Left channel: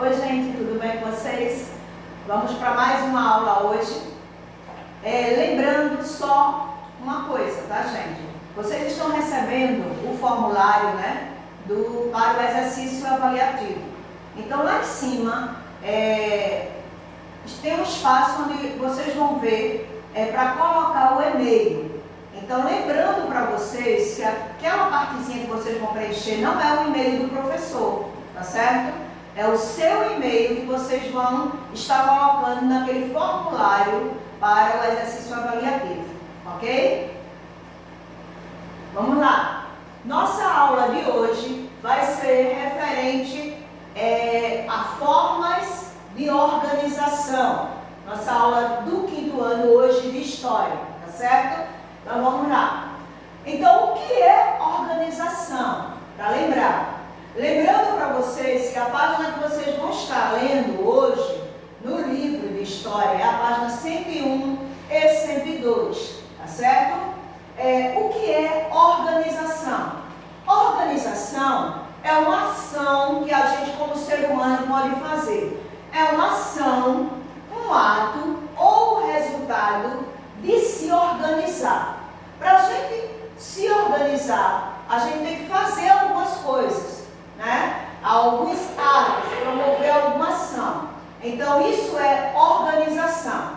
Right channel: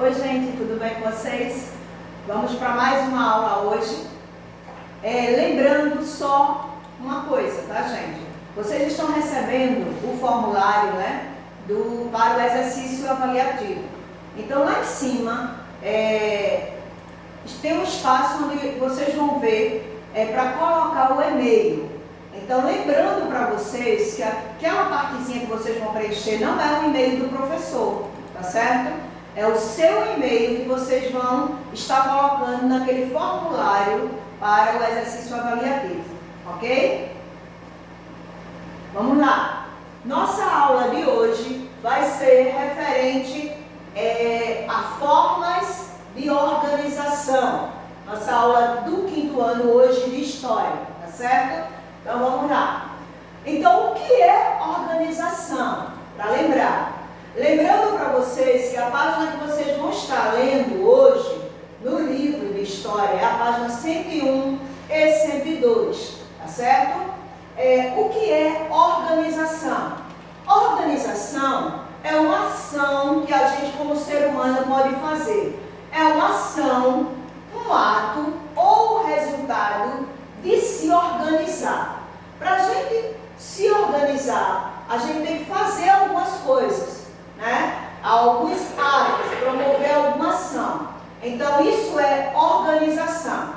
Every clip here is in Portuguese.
Oi gente, tudo bem com vocês? Vamos para mais uma aula hoje. Lembrando só uma coisa, tá gente? Vocês estão recebendo o formulário, né, para o exercício avaliativo. Então lá em cima tem um espaço onde vocês vão ver para colocar o e-mail. Então lembrando para vocês que aquela partezinha que vocês vão preencher não é o e-mail do professor, tá certo? É o seu e-mail que vocês vão estar colocando naquele formulário para o exercício avaliativo, ok? Vamos lá. Nossa aula de hoje vai ser referente a formas de organização. Nossa aula do 5º ano hoje de História, tá certo? Então vamos lá. Então o que é organização? Para lembrar. Lembrando para vocês que a página que vocês vão estar lendo hoje no livro de História é a página 101 e 102, tá certo? O que é organização? Organização é uma ação que a gente como ser humano pode fazer. É uma ação, um ato ou resultado de se organizar. Para a gente se organizar, a gente tem que fazer algumas coisas, né? Alguns atos, promover alguma ação. Então isso é organização.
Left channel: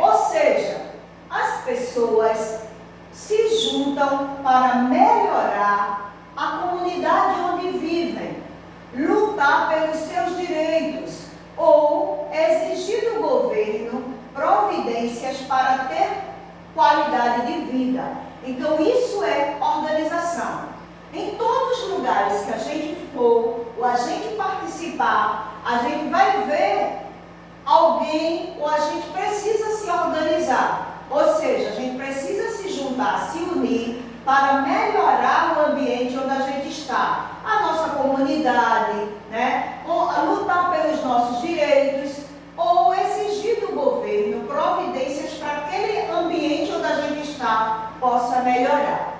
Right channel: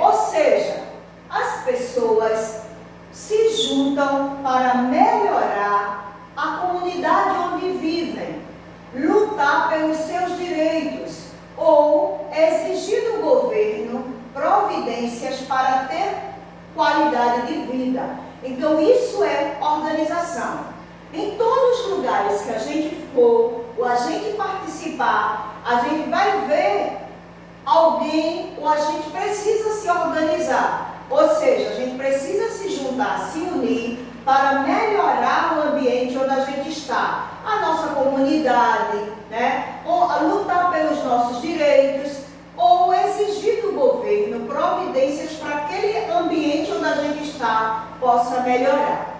Ou seja, as pessoas se juntam para melhorar a comunidade onde vivem, lutar pelos seus direitos ou exigir do governo providências para ter qualidade de vida. Então isso é organização. Em todos os lugares que a gente for, ou a gente participar, a gente vai ver alguém, ou a gente precisa se organizar. Ou seja, a gente precisa se juntar, se unir para melhorar o ambiente onde a gente está. A nossa comunidade, né? Ou lutar pelos nossos direitos, ou exigir do governo providências para aquele ambiente onde a gente está possa melhorar.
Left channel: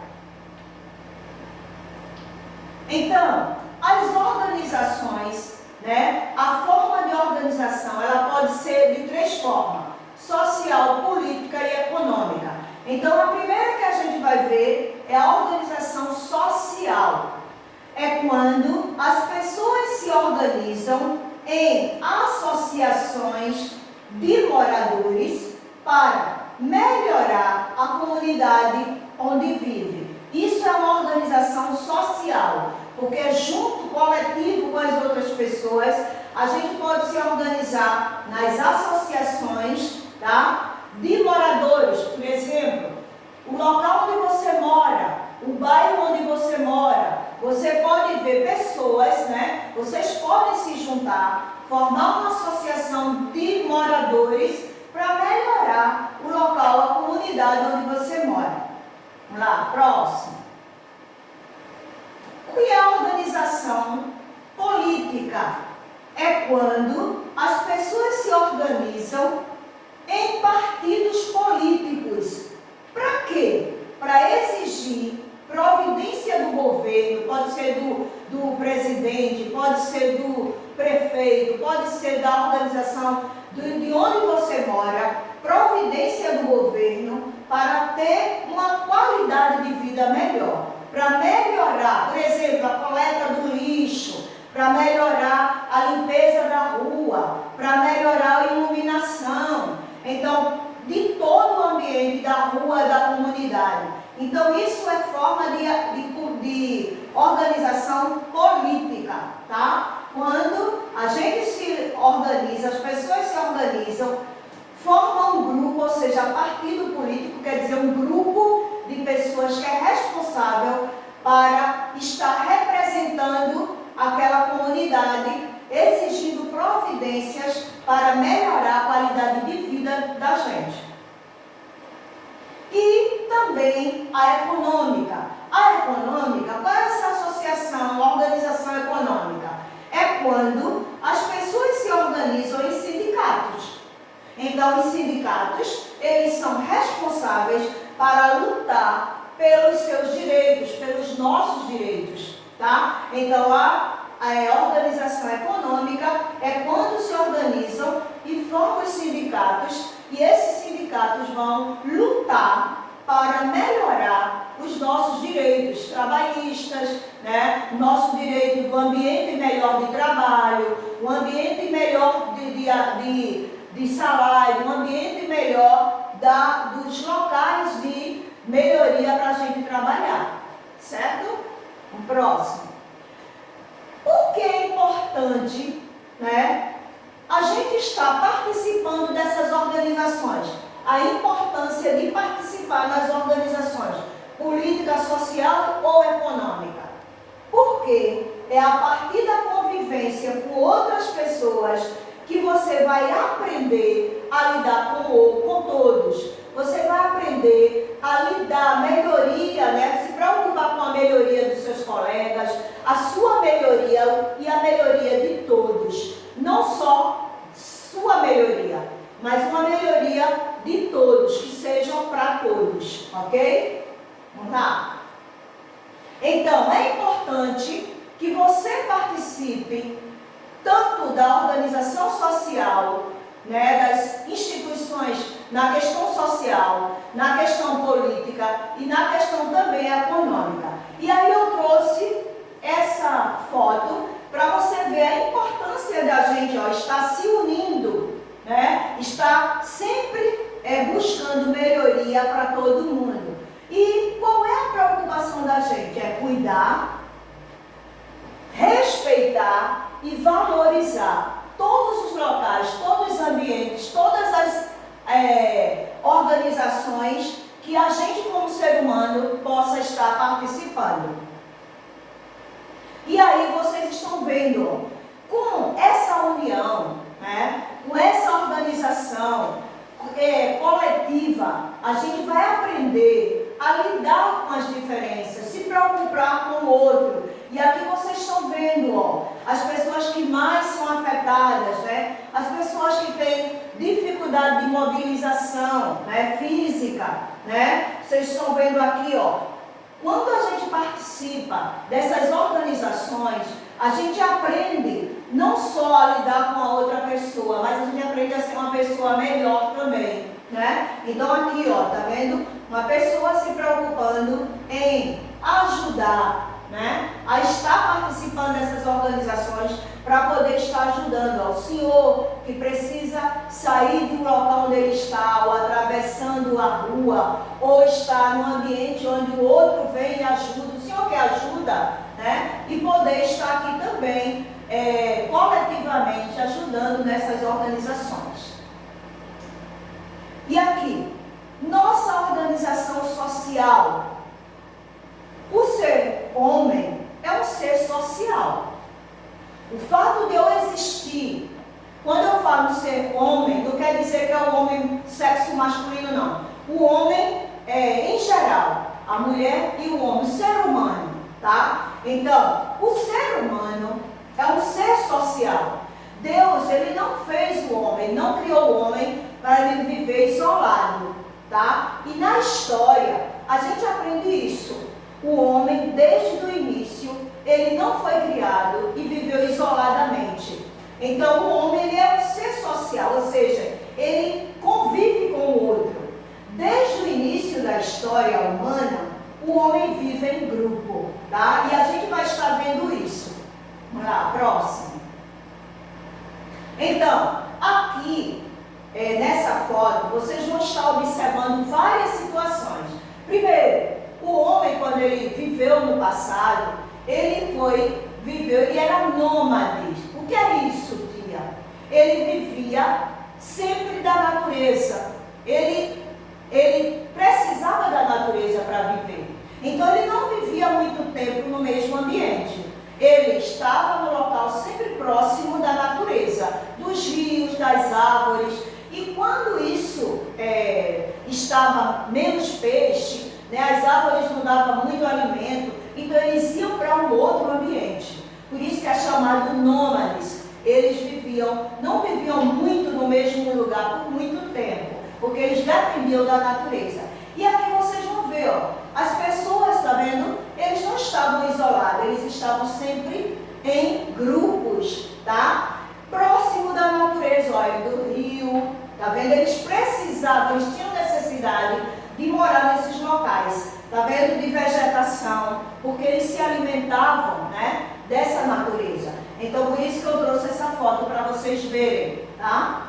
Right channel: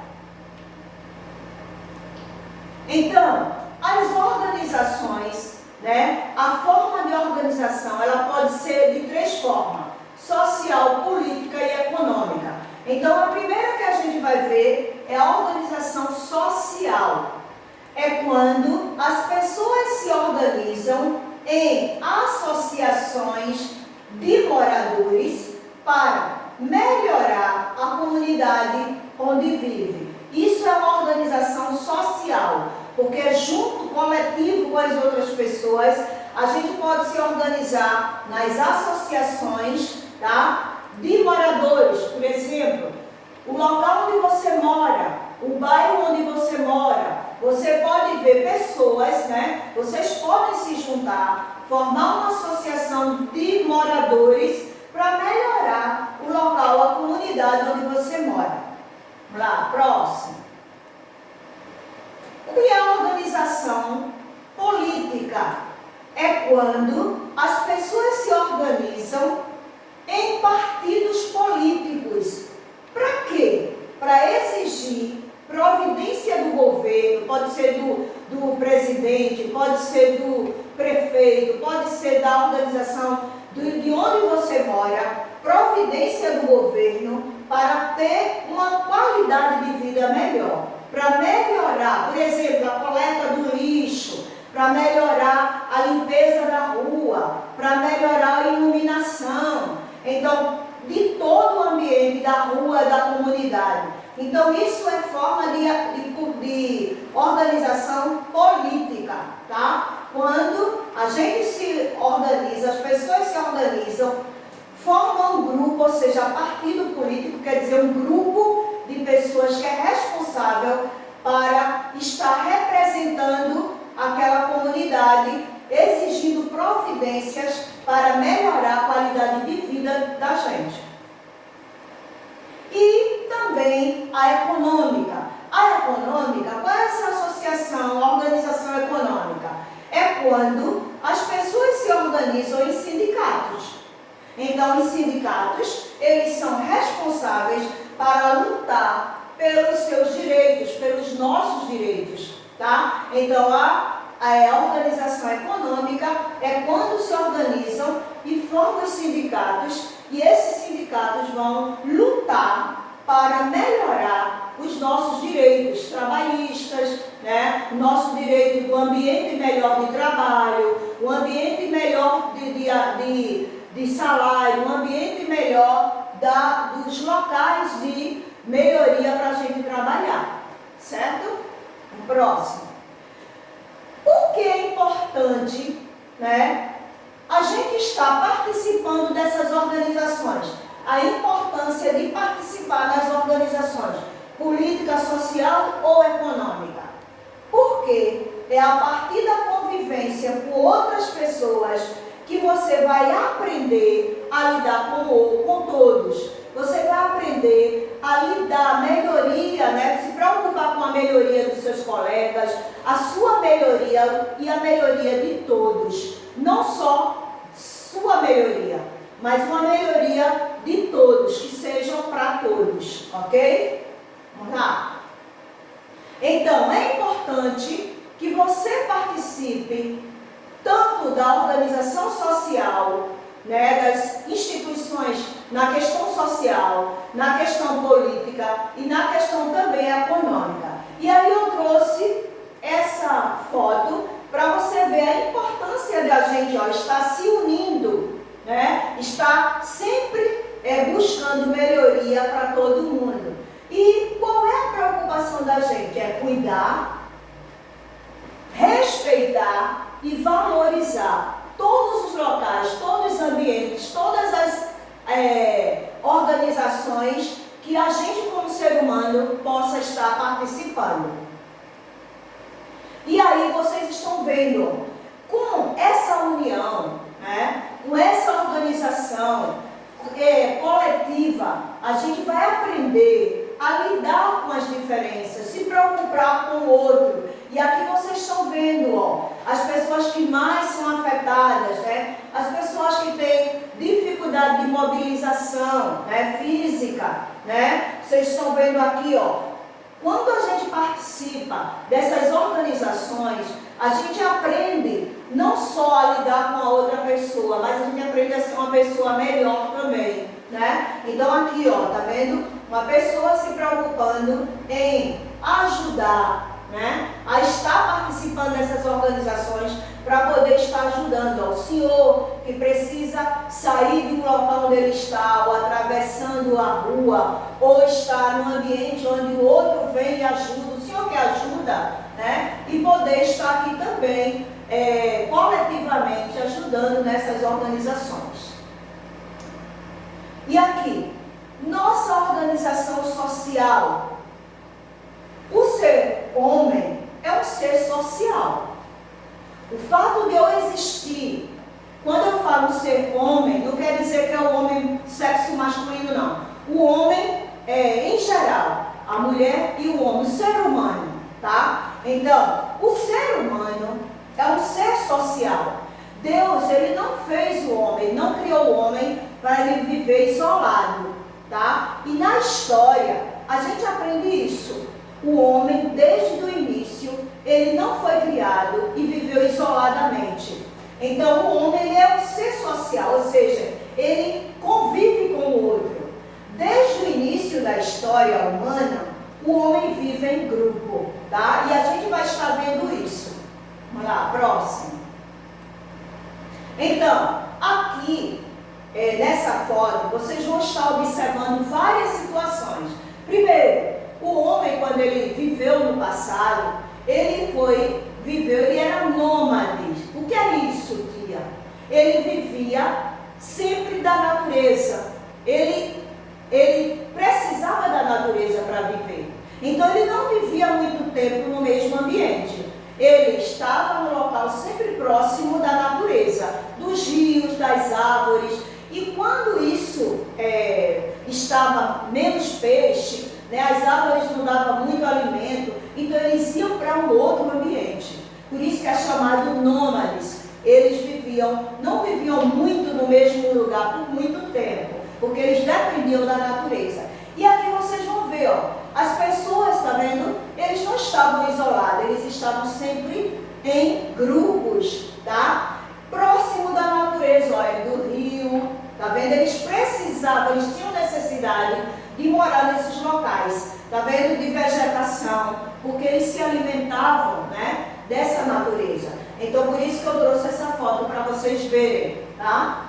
Então, as organizações, né, a forma de organização, ela pode ser de 3 formas: social, política e econômica. Então, a primeira que a gente vai ver é a organização social. É quando as pessoas se organizam em associações de moradores para melhorar a comunidade onde vive. Isso é uma organização social, porque junto, coletivo com as outras pessoas, a gente pode se organizar nas associações, tá? De moradores. Por exemplo, o local onde você mora, o bairro onde você mora, você pode ver pessoas, né? Vocês podem se juntar, formar uma associação de moradores para melhorar o local, a comunidade onde você mora. Vamos lá, próximo. O que é a organização política? É quando as pessoas se organizam em partidos políticos. Para quê? Para exigir providência do governo, pode ser do presidente, pode ser do prefeito, pode ser da organização de onde você mora, providência do governo para ter uma qualidade de vida melhor, para melhorar, por exemplo, a coleta do lixo, para melhorar a limpeza da rua, para melhorar a iluminação, então, de todo o ambiente da rua, da comunidade. Então, isso é forma de organização política, tá? Quando a gente se organiza, as pessoas se organizam, formam um grupo, ou seja, partido político quer dizer um grupo de pessoas que é responsável para estar representando aquela comunidade, exigindo providências para melhorar a qualidade de vida da gente. E também a econômica. A econômica, qual é essa associação, a organização econômica? É quando as pessoas se organizam em sindicatos. Então, os sindicatos, eles são responsáveis para lutar pelos seus direitos, pelos nossos direitos, tá? Então, a organização econômica é quando se organizam e formam os sindicatos, e esses sindicatos vão lutar para melhorar os nossos direitos trabalhistas, né? O nosso direito do ambiente melhor de trabalho, o ambiente melhor de salário, um ambiente melhor dos locais de melhoria para a gente trabalhar, certo? O próximo. Por que é importante, né, a gente estar participando dessas organizações? A importância de participar nas organizações política, social ou econômica. Porque é a partir da convivência com outras pessoas que você vai aprender a lidar com todos. Você vai aprender a lidar, a melhoria, né? Se preocupar com a melhoria dos seus colegas, a sua melhoria e a melhoria de todos. Não só sua melhoria, mas uma melhoria de todos, que sejam para todos, ok? Vamos lá. Então, é importante que você participe tanto da organização social, né, das instituições na questão social, na questão política e na questão também econômica. E aí eu trouxe essa foto para você ver a importância da gente estar se unindo, né, estar sempre buscando melhoria para todo mundo. E qual é a preocupação da gente? É cuidar, respeitar e valorizar todos os locais, todos os ambientes, todas as organizações que a gente como ser humano possa estar participando. E aí vocês estão vendo, com essa união, né, com essa organização coletiva, a gente vai aprender a lidar com as diferenças, se preocupar com o outro. E aqui vocês estão vendo, as pessoas que mais são afetadas, né? As pessoas que têm dificuldade de mobilização, né, física, né? Vocês estão vendo aqui, quando a gente participa dessas organizações, a gente aprende não só a lidar com a outra pessoa, mas a gente aprende a ser uma pessoa melhor também, né? Então aqui, tá vendo? Uma pessoa se preocupando em ajudar, né, a estar participando dessas organizações para poder estar ajudando ao senhor que precisa sair de um local onde ele está, ou atravessando a rua, ou está num ambiente onde o outro vem e ajuda, o senhor que ajuda, né, e poder estar aqui também coletivamente ajudando nessas organizações. E aqui, nossa organização social. O ser homem é um ser social. O fato de eu existir, quando eu falo ser homem, não quer dizer que é um homem sexo masculino, não. O homem em geral, a mulher e o homem, o ser humano, tá? Então, o ser humano é um ser social. Deus, ele não fez o homem, não criou o homem para ele viver isolado, tá? E na história, a gente aprende isso. O homem, desde o início, ele não foi criado e viveu isoladamente. Então, o homem ele é um ser social, ou seja, ele convive com o outro. Desde o início da história humana, o homem vive em grupo, tá? E a gente vai estar vendo isso. Vamos lá, próximo. Então, aqui, nessa foto, vocês vão estar observando várias situações. Primeiro, o homem, quando ele viveu no passado, ele era nômade. O que é isso, tia? Ele vivia sempre da natureza. Ele precisava da natureza para viver. Então, ele não vivia muito tempo no mesmo ambiente. Ele estava no local sempre próximo da natureza, dos rios, das árvores. E quando isso estava menos peixe, né, as árvores não davam muito alimento, então eles iam para um outro ambiente. Por isso que é chamado nômades. Eles não viviam muito no mesmo lugar por muito tempo, porque eles dependiam da natureza. E aqui vocês vão ver, as pessoas, tá vendo? Eles não estavam isolados, eles estavam sempre em grupos, tá? Próximo da natureza, olha, do rio, tá vendo? Eles precisavam, eles tinham necessidade de morar nesses locais, tá vendo? De vegetação, porque eles se alimentavam, né, dessa natureza. Então, por isso que eu trouxe essa foto para vocês verem, tá?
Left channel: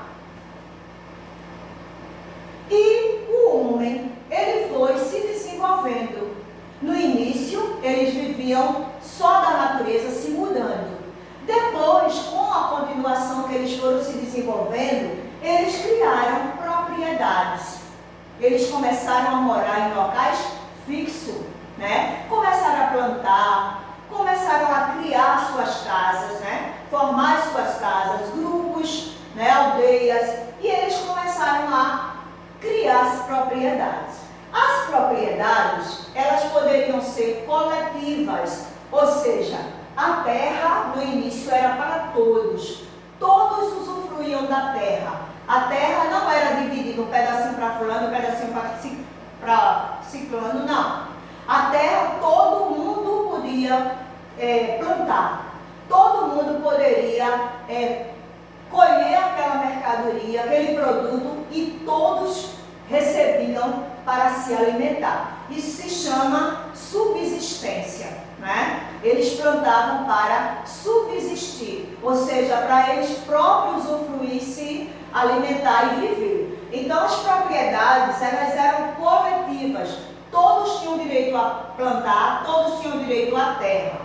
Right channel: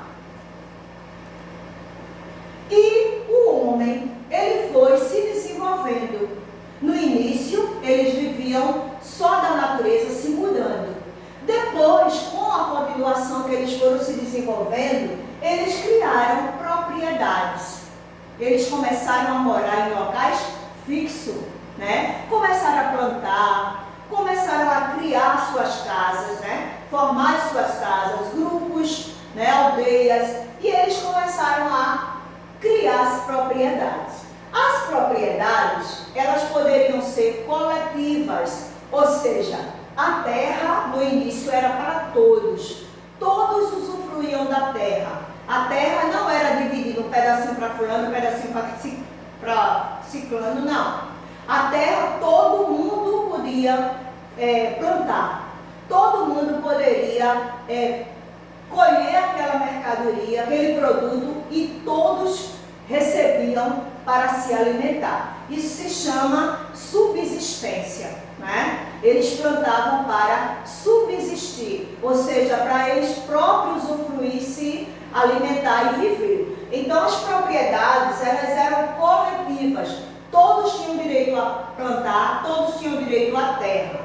E o homem, ele foi se desenvolvendo. No início, eles viviam só da natureza, se mudando. Depois, com a continuação que eles foram se desenvolvendo, eles criaram propriedades. Eles começaram a morar em locais fixos, né? Começaram a plantar, começaram a criar suas casas, né? Formar suas casas, grupos, né? Aldeias, e eles começaram a criar as propriedades. As propriedades, elas poderiam ser coletivas, ou seja, a terra no início era para todos. Todos usufruíam da terra. A terra não era dividida um pedacinho para fulano, um pedacinho para ciclano, não. A terra todo mundo podia plantar. Todo mundo poderia colher aquela mercadoria, aquele produto, e todos recebiam para se alimentar. Isso se chama subsistência, né? Eles plantavam para subsistir, ou seja, para eles próprios usufruir, se alimentar e viver. Então, as propriedades, elas eram coletivas. Todos tinham direito a plantar, todos tinham direito à terra.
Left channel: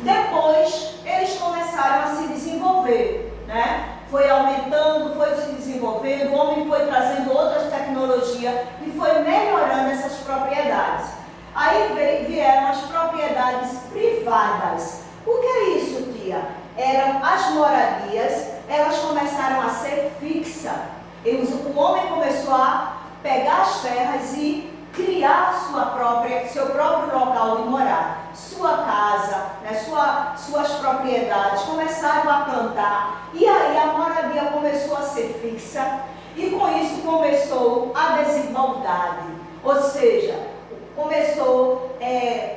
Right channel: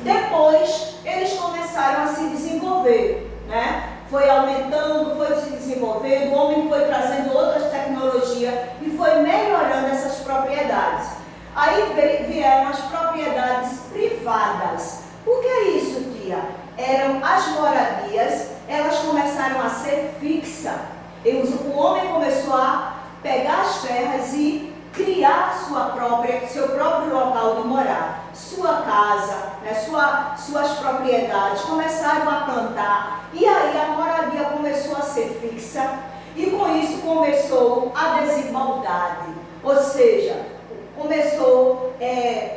Depois, eles começaram a se desenvolver, né? Foi aumentando, foi se desenvolvendo, o homem foi trazendo outras tecnologias e foi melhorando essas propriedades. Aí vieram as propriedades privadas. O que é isso, tia? Eram as moradias, elas começaram a ser fixas. O homem começou a pegar as terras e criar seu próprio local de morar, sua casa, né, suas propriedades, começaram a plantar, e aí a moradia começou a ser fixa, e com isso começou a desigualdade, ou seja, começou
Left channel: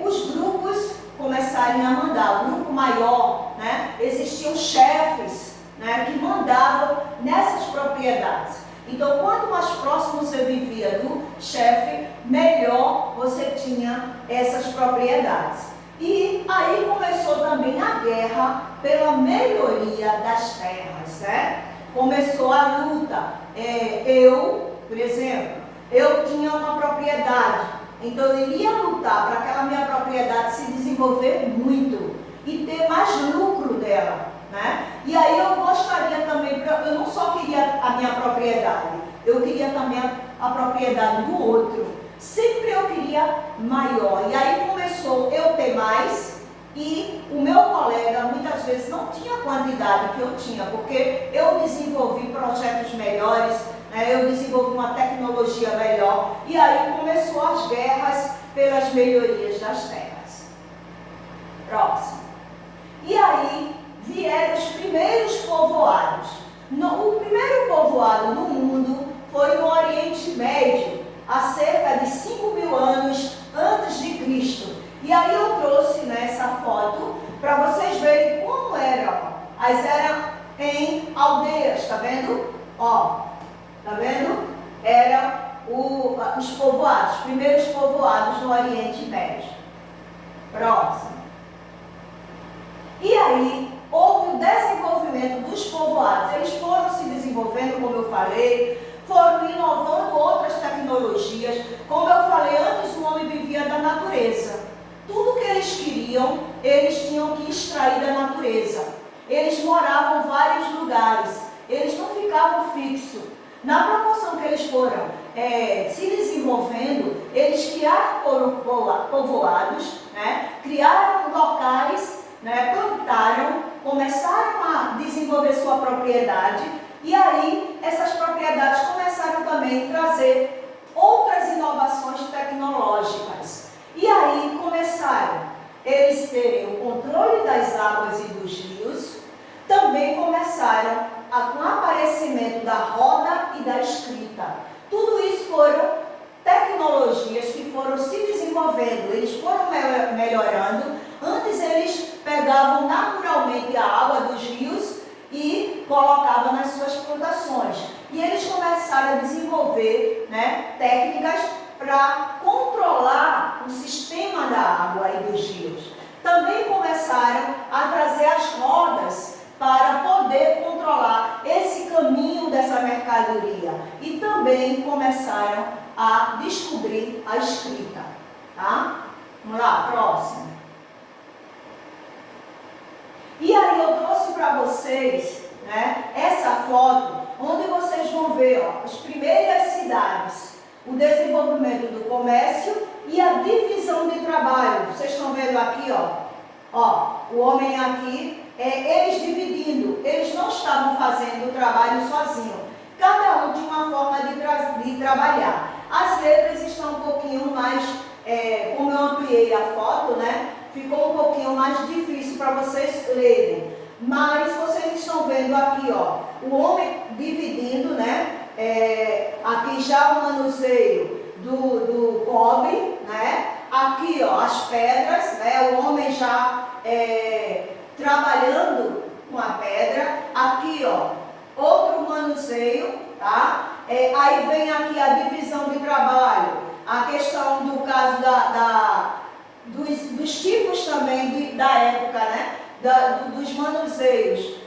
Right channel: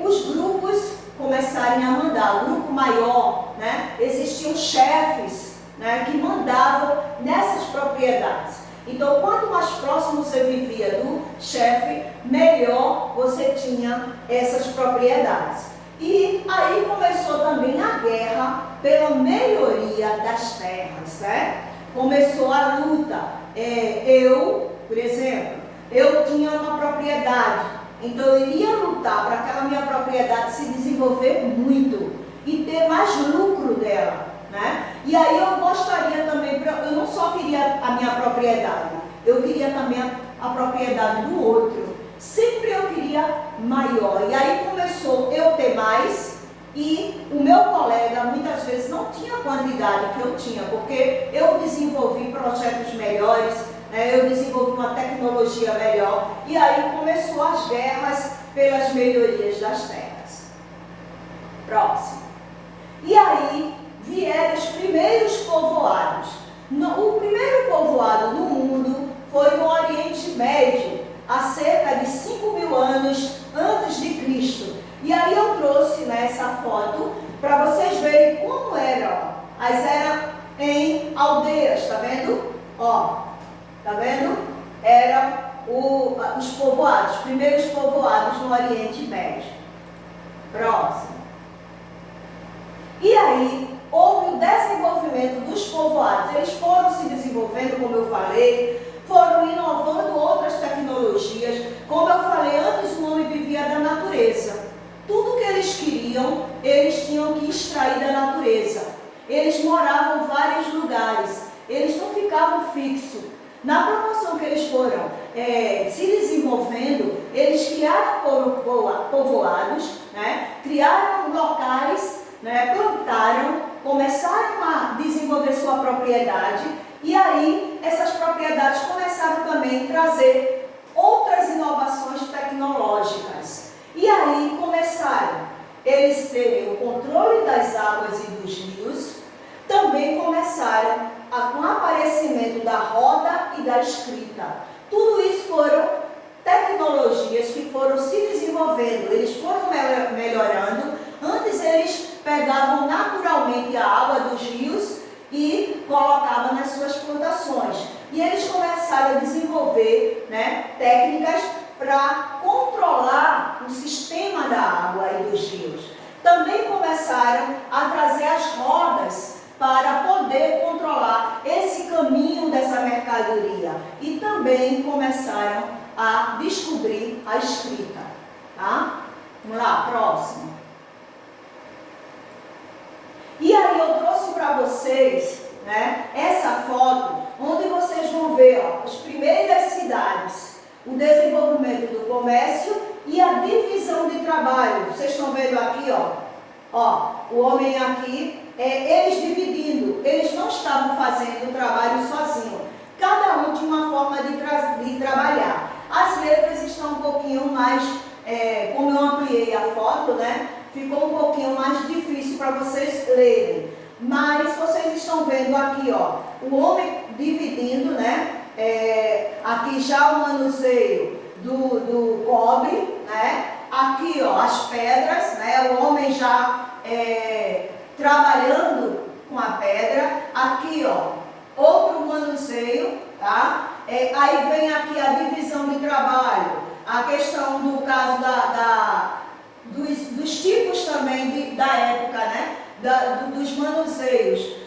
os grupos começarem a mandar, o grupo maior, né, existiam chefes, né, que mandavam nessas propriedades. Então, quanto mais próximo você vivia do chefe, melhor você tinha essas propriedades. E aí começou também a guerra pela melhoria das terras, né? Começou a luta. Por exemplo, eu tinha uma propriedade, então eu iria lutar para aquela minha propriedade se desenvolver muito e ter mais lucro dela, né? E aí eu gostaria também, eu não só queria a minha propriedade, eu queria também a propriedade do outro. Sempre eu queria maior. E aí começou eu ter mais e o meu colega muitas vezes não tinha a quantidade que eu tinha, porque eu desenvolvi projetos melhores, né? Eu desenvolvi uma tecnologia melhor. E aí começou as guerras pelas melhorias das terras. Próximo. E aí vieram os primeiros povoados. O primeiro povoado no mundo foi no Oriente Médio, há cerca de 5.000 anos antes de Cristo. E aí eu trouxe nessa foto para vocês verem como eram. As eram em aldeias, tá vendo? Ó, tá vendo? Eram os povoados, os primeiros povoados no Oriente Médio. Próximo. E aí houve o desenvolvimento dos povoados. Eles foram se desenvolvendo, como eu falei, foram inovando outras tecnologias. Como eu falei antes, o homem vivia da natureza. Tudo que eles queriam, eles tinham que extrair da natureza. Eles moravam em vários lugares. Eles não ficavam fixos. Na proporção que eles foram se desenvolvendo, eles criaram povoados, né? Criaram locais, né? Plantaram, começaram a desenvolver sua propriedade. E aí, essas propriedades começaram também a trazer outras inovações tecnológicas. E aí começaram eles terem o controle das águas e dos rios. Também começaram com o aparecimento da roda e da escrita. Tudo isso foram tecnologias que foram se desenvolvendo, eles foram melhorando. Antes eles pegavam naturalmente diretamente a água dos rios e colocava nas suas plantações. E eles começaram a desenvolver, né, técnicas para controlar o sistema da água e dos rios. Também começaram a trazer as rodas para poder controlar esse caminho dessa mercadoria. E também começaram a descobrir a escrita. Tá? Vamos lá, próximo. E aí eu trouxe para vocês, né, essa foto, onde vocês vão ver, ó, as primeiras cidades, o desenvolvimento do comércio e a divisão de trabalho. Vocês estão vendo aqui, ó, o homem aqui, eles dividindo, eles não estavam fazendo o trabalho sozinho. Cada um tinha uma forma de trabalhar. As letras estão um pouquinho mais, como eu ampliei a foto, né? Ficou um pouquinho mais difícil para vocês lerem. Mas vocês estão vendo aqui, ó, o homem dividindo, né? Aqui já o manuseio do cobre, né? Aqui, ó, as pedras, né? O homem já trabalhando com a pedra. Aqui, ó, outro manuseio, tá? Aí vem aqui a divisão de trabalho, a questão do caso dos tipos também da época, né? Dos manuseios,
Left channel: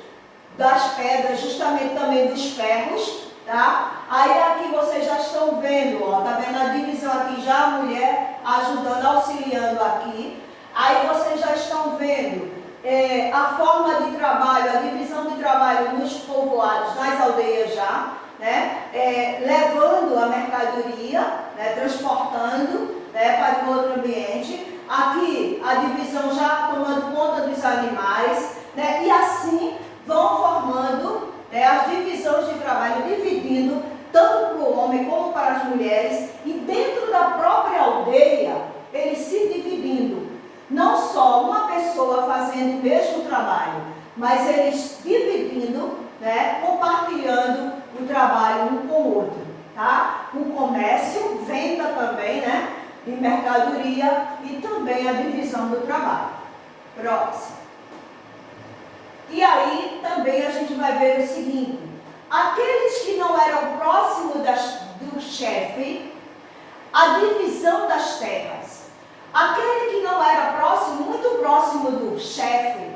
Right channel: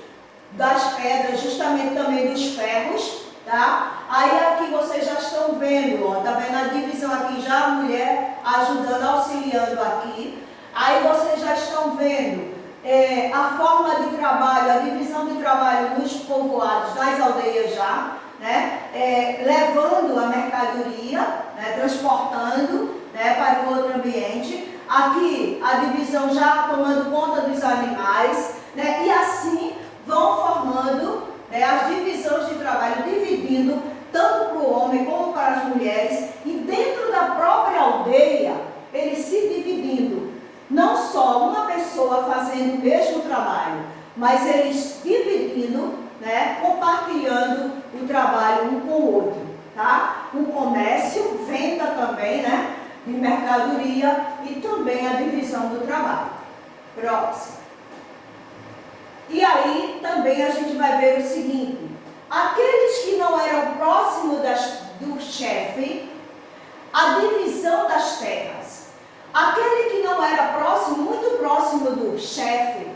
das pedras, justamente também dos ferros, tá? Aí aqui vocês já estão vendo, ó, tá vendo a divisão aqui, já a mulher ajudando, auxiliando aqui. Aí vocês já estão vendo a forma de trabalho, a divisão de trabalho nos povoados, nas aldeias já, né? Levando a mercadoria, né? Transportando, né? Para o outro ambiente. Aqui a divisão já tomando conta dos animais, né? E assim vão formando, né, as divisões de trabalho, dividindo tanto para o homem como para as mulheres, e dentro da própria aldeia, eles se dividindo. Não só uma pessoa fazendo o mesmo trabalho, mas eles dividindo, né, compartilhando o trabalho um com o outro. Tá? O comércio, venda também, né, de mercadoria, e também a divisão do trabalho. Próximo. E aí também a gente vai ver o seguinte: aqueles que não eram próximos do chefe, a divisão das terras. Aquele que não era próximo, muito próximo do chefe,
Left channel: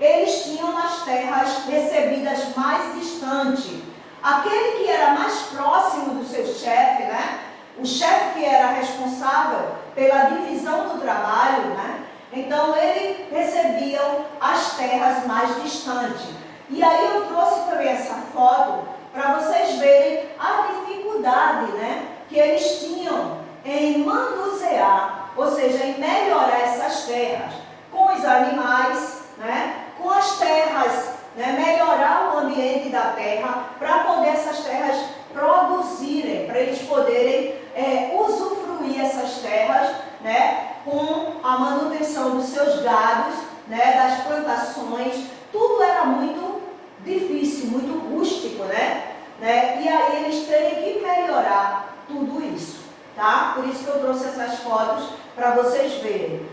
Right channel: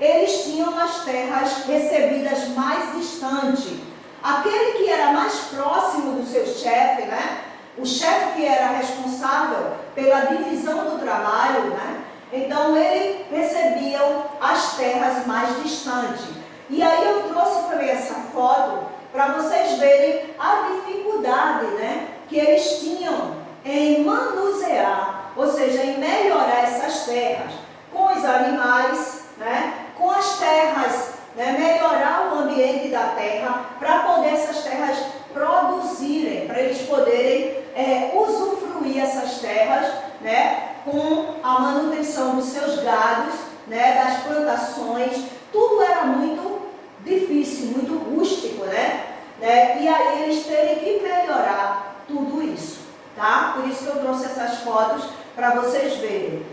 eles tinham as terras recebidas mais distante. Aquele que era mais próximo do seu chefe, né? O chefe que era responsável pela divisão do trabalho, né? Então ele recebia as terras mais distantes. E aí eu trouxe também essa foto para vocês verem a dificuldade, né, que eles tinham em manusear, ou seja, em melhorar essas terras com os animais, né, com as terras, né, melhorar o ambiente da terra para poder essas terras produzirem, para eles poderem usufruir essas terras, né, com a manutenção dos seus gados, né, das plantações. Tudo era muito difícil, muito rústico, né? E aí eles terem que melhorar tudo isso, tá? Por isso que eu trouxe essas fotos para vocês verem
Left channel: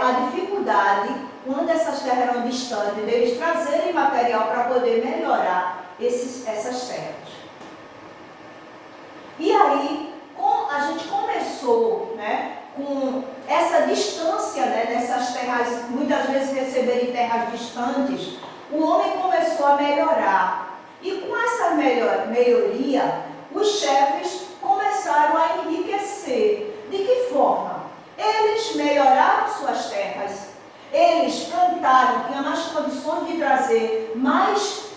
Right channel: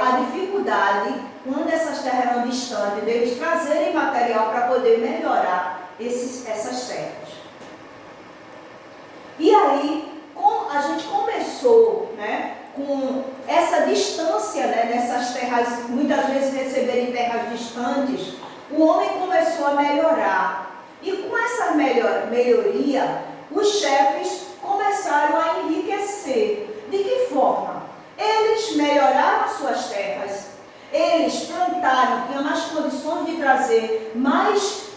a dificuldade, quando essas terras eram distantes, deles trazerem material para poder melhorar essas terras. E aí, a gente começou, né, com essa distância, né, nessas terras, muitas vezes receberem terras distantes, o homem começou a melhorar. E com essa melhoria, os chefes começaram a enriquecer. De que forma? Eles melhoraram suas terras, eles plantaram, tinham mais condições de trazer mais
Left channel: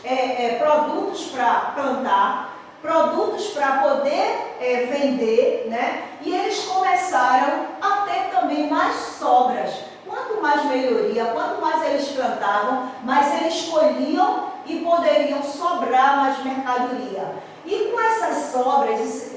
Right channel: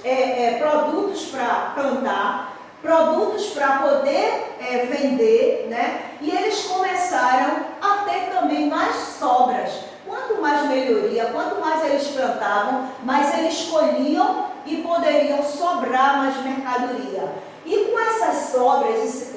produtos para plantar, produtos para poder vender, né? E eles começaram a ter também mais sobras. Quanto mais melhoria, quanto mais eles plantavam, mais eles colhiam e poderiam sobrar mais mercadoria. E com essas sobras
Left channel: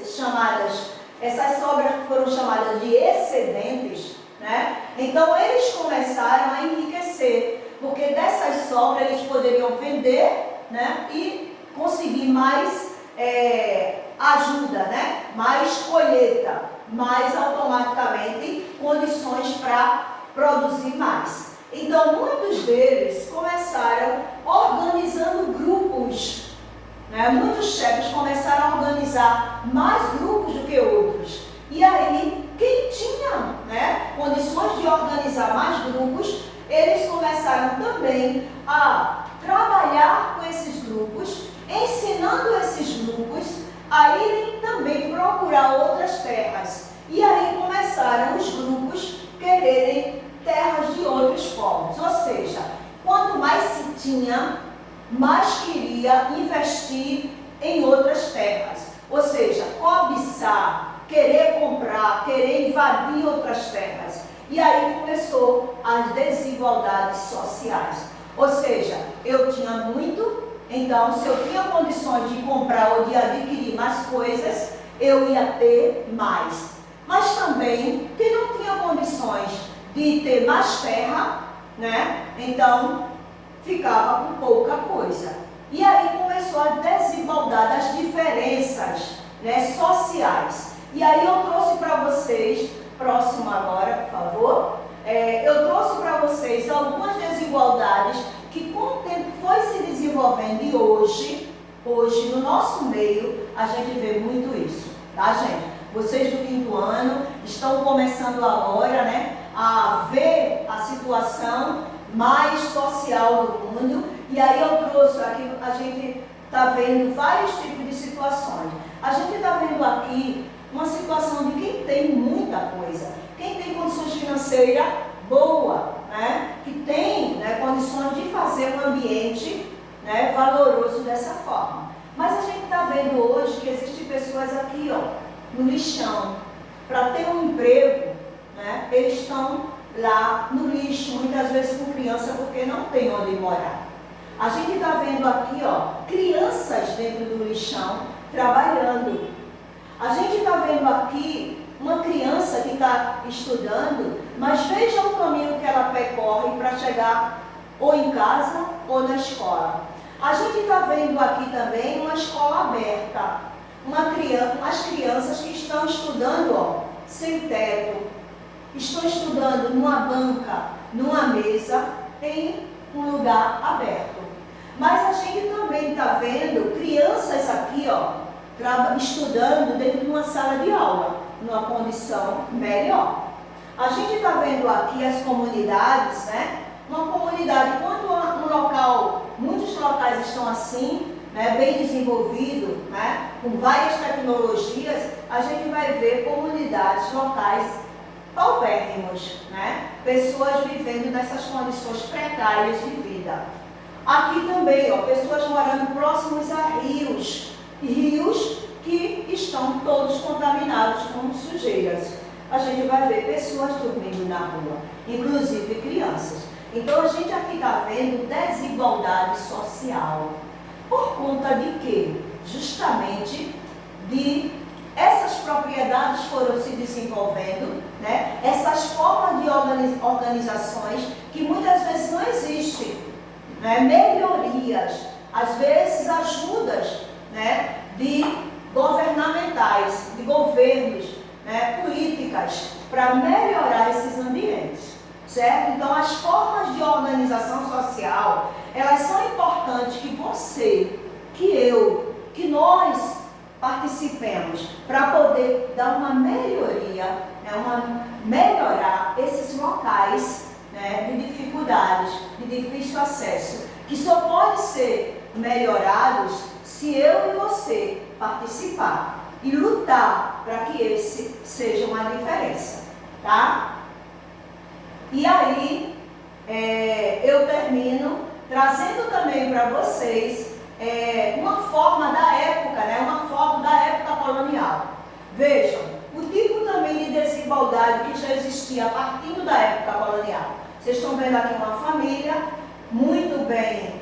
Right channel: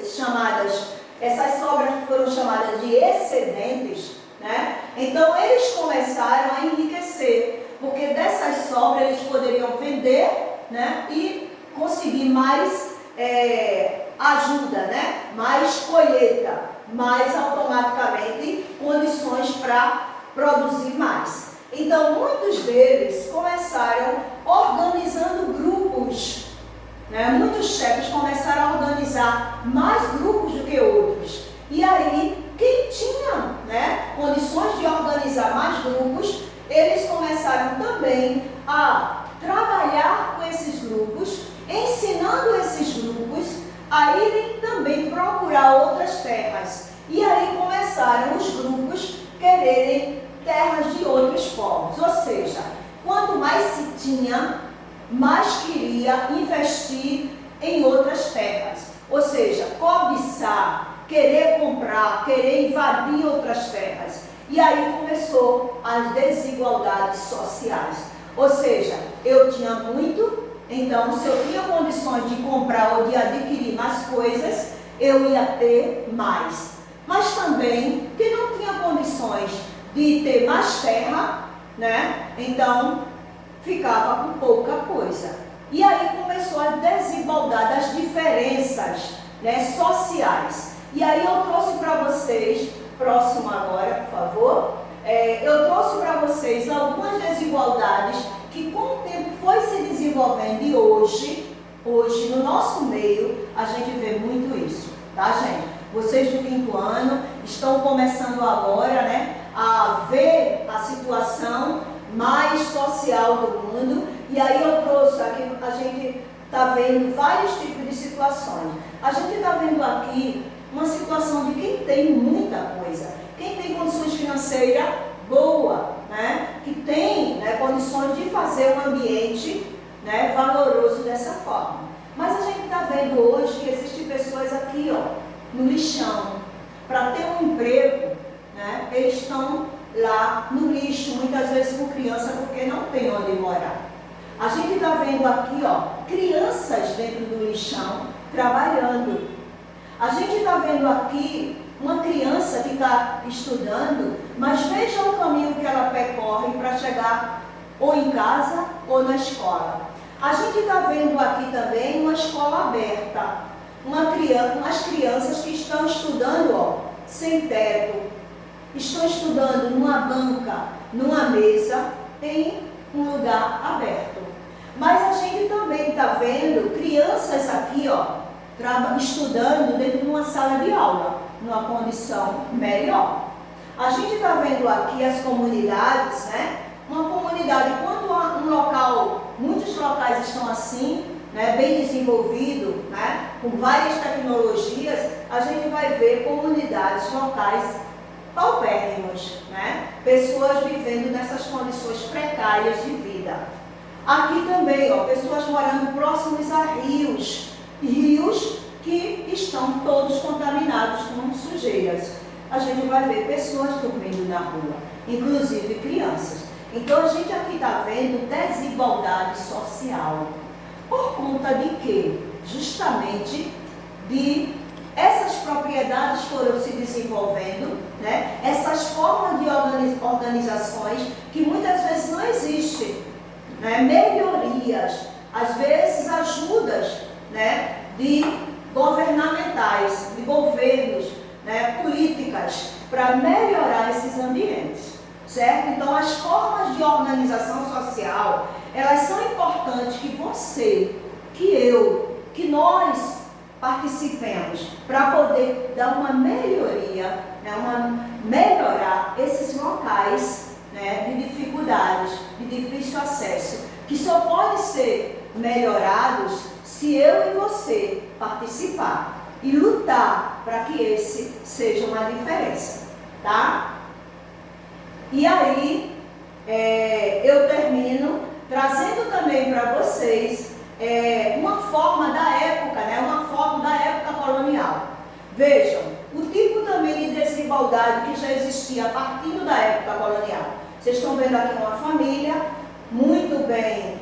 essas sobras foram chamadas de excedentes, né? Então eles começaram a enriquecer, porque dessas sobras eles poderiam vender, né? E conseguir mais ajuda, né? Mais colheita, mais automaticamente condições para produzir mais. Então muitos deles começaram começaram organizando grupos, né? Muitos chefes começaram a organizar mais grupos do que outros. E aí, quem tinha, né, condições de organizar mais grupos, eles começaram também a trabalhar com esses grupos, ensinando esses grupos a irem também procurar outras terras. E aí começaram os grupos quererem terras de outros povos. Ou seja, quanto mais se tinha, mais queria investir em outras terras. Ou seja, cobiçar, querer comprar, querer invadir outras terras. E aí começou as desigualdades sociais. Ou seja, eu tinha muito, então se eu tinha condições de comprar ou de adquirir mais coisas, eu ia ter mais. Mas também, quem não tinha condições de ter mais terra, né? Então ficava com pouca coisa. E aí começou a desigualdade, as diferenças, né, sociais. E aí eu trouxe para vocês, próximo agora, por favor, eu trouxe para vocês algumas desigualdades que com o tempo foi se desenvolvendo e hoje no nosso meio a gente vê muito isso, tá, gente? Vocês do 5º ano estão começando agora, né, a ver a situação mais social do mundo. E aí eu trouxe aqui, a gente está vendo vários tipos de situações. A gente está vendo aqui uma situação de quem tem muita coisa, quem tem condições financeiras boas, né, que tem, né, condições de fazer um ambiente, né, valoroso dessa forma. Mas a gente está vendo hoje que existem pessoas aqui, ó, no lixão. Para ter um emprego, né, eles estão lá no lixo, muitas vezes com criança, porque não tem onde morar. A gente está vendo aqui, ó, crianças dentro do lixão trabalhando. A gente está vendo aqui uma criança que está estudando, mas veja o caminho que ela percorre para chegar ou em casa ou na escola. A gente está vendo aqui também uma escola aberta, umas crianças que estão estudando, ó, sem teto, estão estudando numa banca, numa mesa, em um lugar aberto. Mas a gente também está vendo crianças aqui, ó, estudando dentro de uma sala de aula, numa condição melhor. A gente está vendo aqui as comunidades, né? Uma comunidade, quando um local, muitos locais estão assim, né, bem desenvolvido, né, com várias tecnologias, a gente vai ver comunidades locais paupérrimos, né, pessoas vivendo nessas condições precárias de vida. Aqui também, ó, pessoas morando próximos a rios que estão todos contaminados com sujeiras. A gente vai ver pessoas dormindo na rua, inclusive crianças. Então a gente aqui está vendo desigualdade social. Por conta de quê? Justamente de essas propriedades foram se desenvolvendo, né? Essas formas de organizações que muitas vezes não existem, né? Melhorias, às vezes ajudas, né, de governamentais, de governos, né, políticas para melhorar esses ambientes, certo? Então as formas de organização social, elas são importantes que você, que eu, que nós participemos para poder dar uma melhoria, né, melhorar esses locais, né, de dificuldades, de difícil acesso, que só pode ser melhorados se eu e você participar e lutar para que esse seja uma diferença, tá? E aí, eu termino trazendo também para vocês uma forma da época, né? Uma foto da época colonial. Vejam, o tipo também de desigualdade que já existia a partir da época colonial. Vocês estão vendo aqui uma família muito bem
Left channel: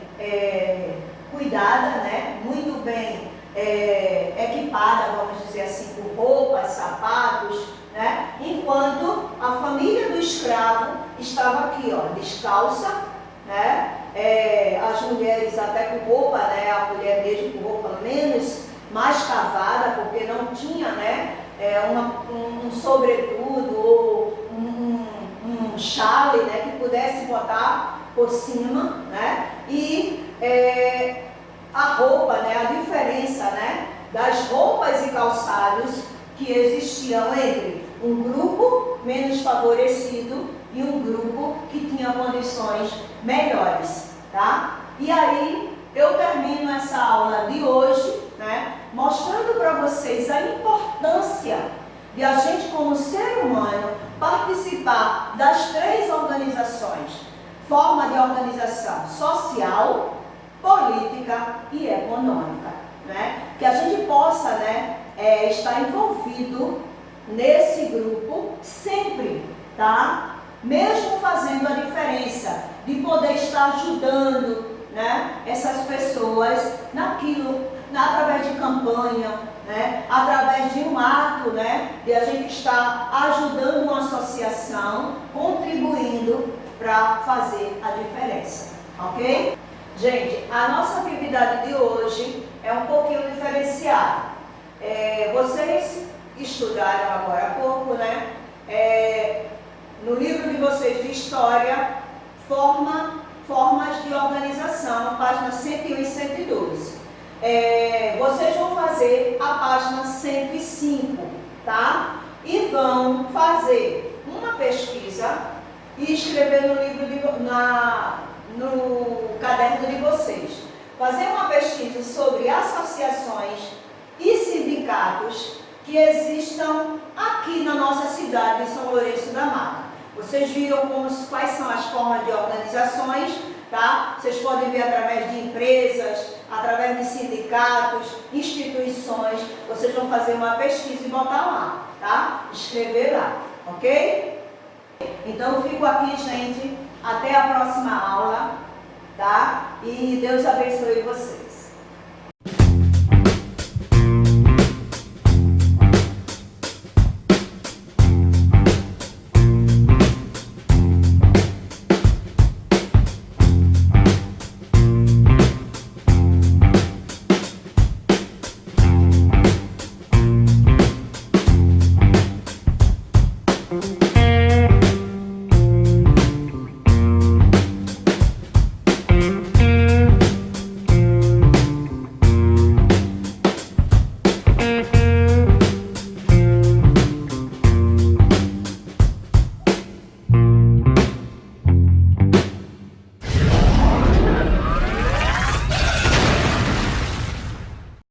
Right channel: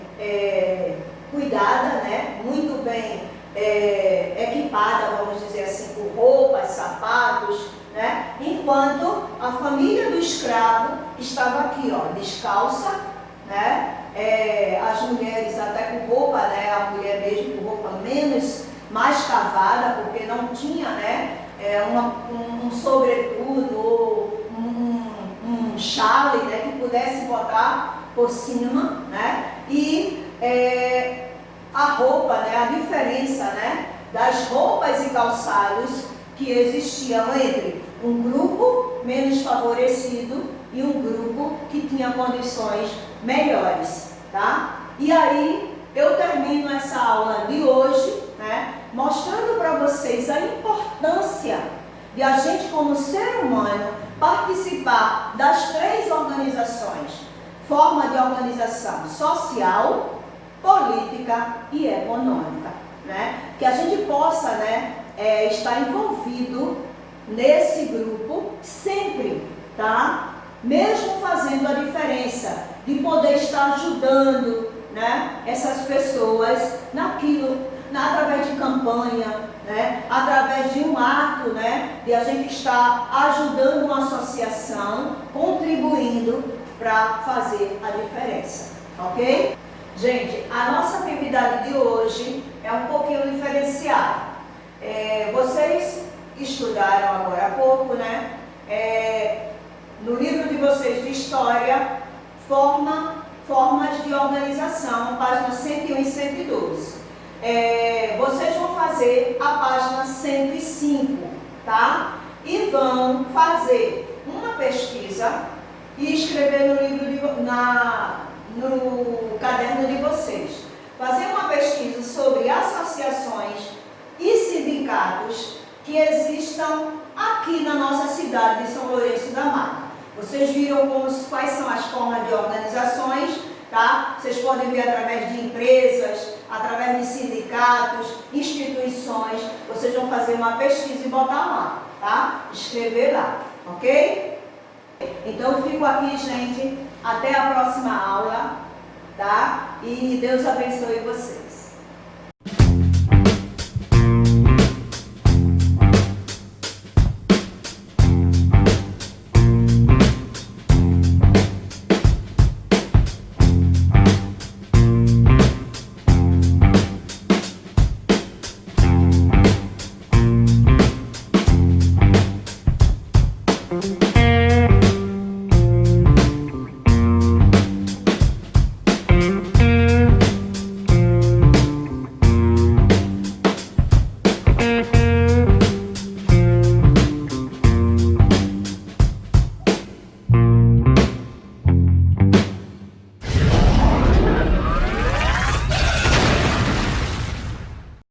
cuidada, né? Muito bem equipada, vamos dizer assim, com roupas, sapatos, né? Enquanto a família do escravo estava aqui, ó, descalça, né? As mulheres até com roupa, né? A mulher mesmo com roupa mais cavada, porque não tinha, né? Um sobretudo ou um chale, né? Que pudesse botar por cima, né? das roupas e calçados que existiam entre um grupo menos favorecido e um grupo que tinha condições melhores, tá? E aí eu termino essa aula de hoje, né, mostrando para vocês a importância de a gente, como ser humano, participar das 3 organizações: forma de organização social, política e econômica, né? Que a gente possa, né, estar envolvido nesse grupo sempre, tá? Mesmo fazendo a diferença, de poder estar ajudando, né, essas pessoas naquilo, através de campanha, né, através de um ato, né, de a gente estar ajudando uma associação, contribuindo para fazer a diferença, ok? Gente, a nossa atividade de hoje é um pouquinho diferenciada. Vocês estudaram agora há pouco, né? No livro de vocês de História, Formas de Organização, páginas 101 e 102. Vocês vão fazer a página 105, tá? E vão fazer uma pesquisa e escrever no livro no caderno de vocês. Fazer uma pesquisa sobre associações e sindicatos que existam aqui na nossa cidade de São Lourenço da Mata. Vocês viram quais são as formas de organizações, tá? Vocês podem ver através de empresas, através de sindicatos, instituições. Vocês vão fazer uma pesquisa e botar lá, tá? Escrever lá, ok? Então, eu fico aqui, gente. Até a próxima aula, tá? E Deus abençoe vocês.